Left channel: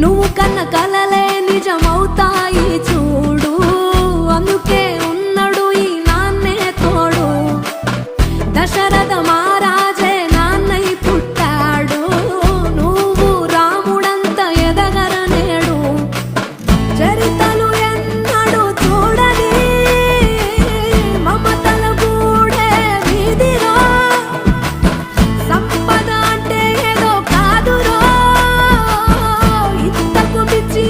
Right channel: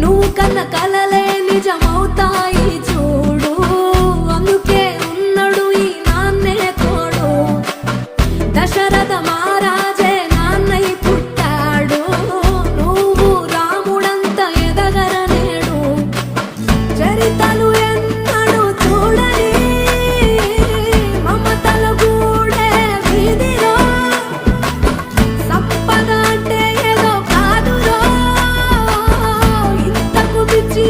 నువ్వు కన్న కలలే నిజమవుతాయి చూడు, అందుకే ఉన్నాడు ఈ నాన్నే తోడు. దశరథ మహారాజే నాన్నై పుట్టాడు, నువ్వు రాముడంత ఎదగరనేడు. చరితలు ఎన్నడు చూడని మమతల గూడే వీధిరో, సంపద అంటే ఏదో కాదురో, ఇంతకు మించి